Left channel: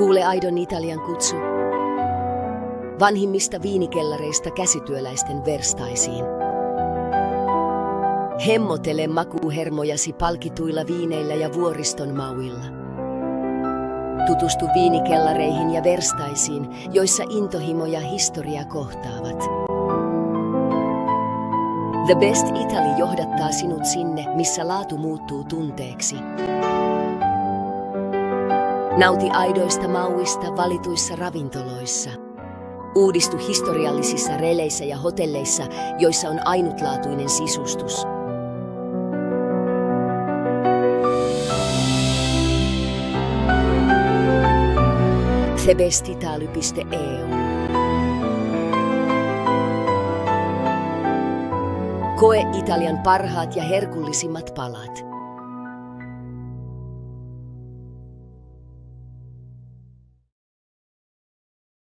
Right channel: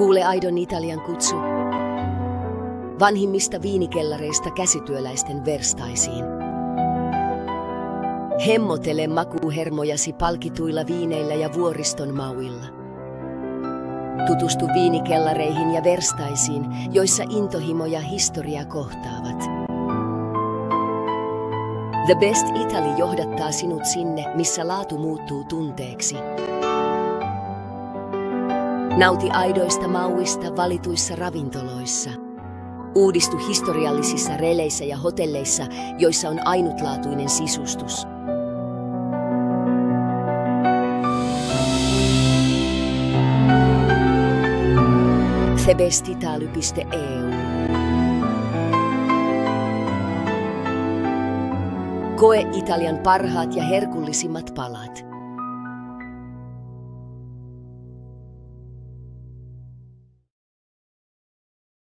Kuule aidon Italian kutsu. Vanhimmista viinikellareista käsityöläisten verstaisiin. Hemmotele makuuhermojasi palkituilla viineillä ja vuoriston mauilla. Tutustu viinikellareihin ja verstaisiin, joissa intohimo ja historia kohtaavat. The Best Italy johdattaa sinut sinne, missä laatu muuttuu tunteeksi. Nauti aidoista mauista valituissa ravintoloissa. Uudistu historiallisissa releissä ja hotelleissa, joissa on ainutlaatuinen sisustus. thebestitaly.eu. Koe Italian parhaat ja herkullisimmat palat.